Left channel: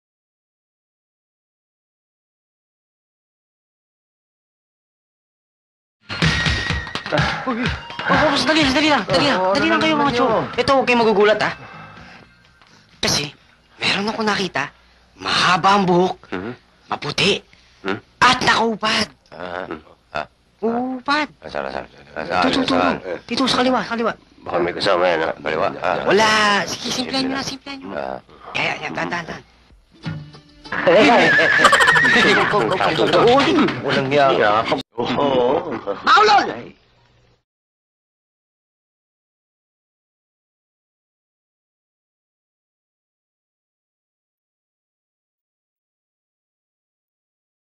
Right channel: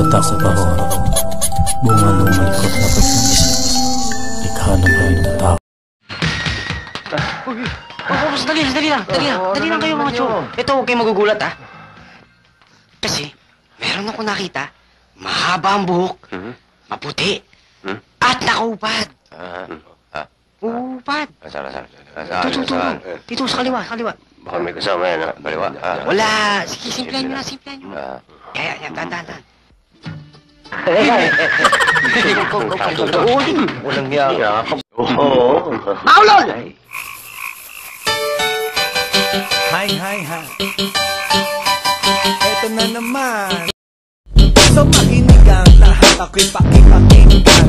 sa taas at bahon, bunga ng malikot na pag-isip, likha ng ng tao. Dali lang kayo mga chong. Ito, huwag kayong magugulat ha. Kasi, meron ako nakita, mahaba ang buhok, maputi, at nakaupad. Upad. Saan? Dito, sa kaliwa. Baka may kasama yan, ha? Kaliwa? Wala. Sige, simplahan nyo na. Yan, dahan. Walang hiya. Oo. Maulol! Hi. Eto na naman. So makinig ang lahat, ako'y pakipakinggan.